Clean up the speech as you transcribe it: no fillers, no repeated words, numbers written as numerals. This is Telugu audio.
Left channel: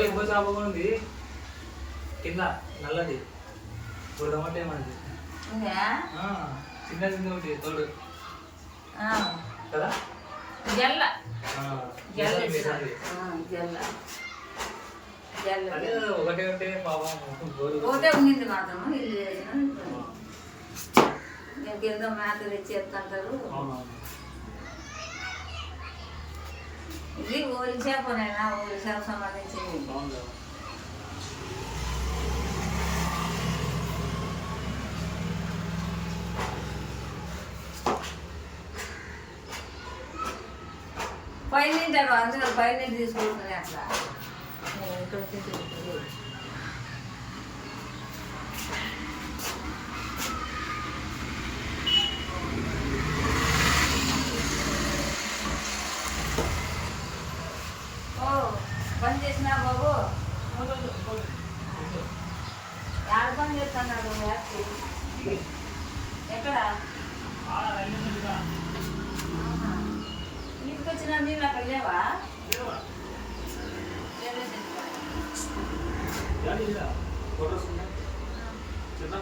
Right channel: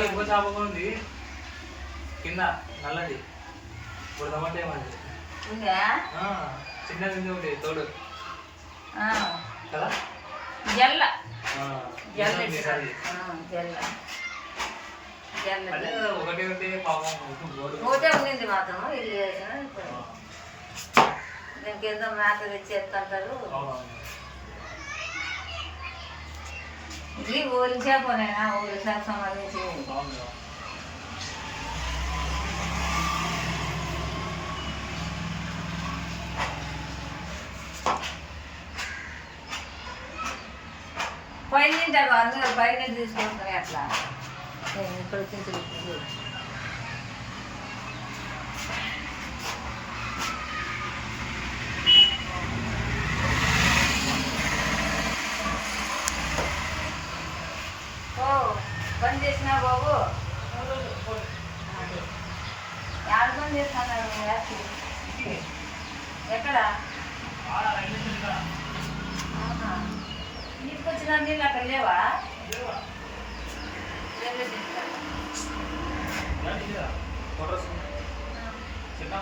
ఇంకో చేప కూడా ఉంది కింద నల్లది బుడదమాట ఏమండి చిన్నది ఉంది ఒకటి తోడు కదా జల్ల ఒకటే ఉంటే పాపం ఒకటే ఉండింది మాత్రం ఇల్లు చేసిన నేను కింద మేత తెచ్చేస్తుంటారు ఇది ఓలి చేపనేనా ఓలి చేప సంబంధించింది పైన తింటారు అందరూ పైన తీసుకుంటున్నారు అట్లా ఇక్కడ తింటుంది బస్ చేసినా బాబు యాడ పని చేస్తున్నాడు హ్యాపీ ఎక్కడ అవునా నీకు వచ్చిన నీళ్ళు అక్కడ లేవా చిన్న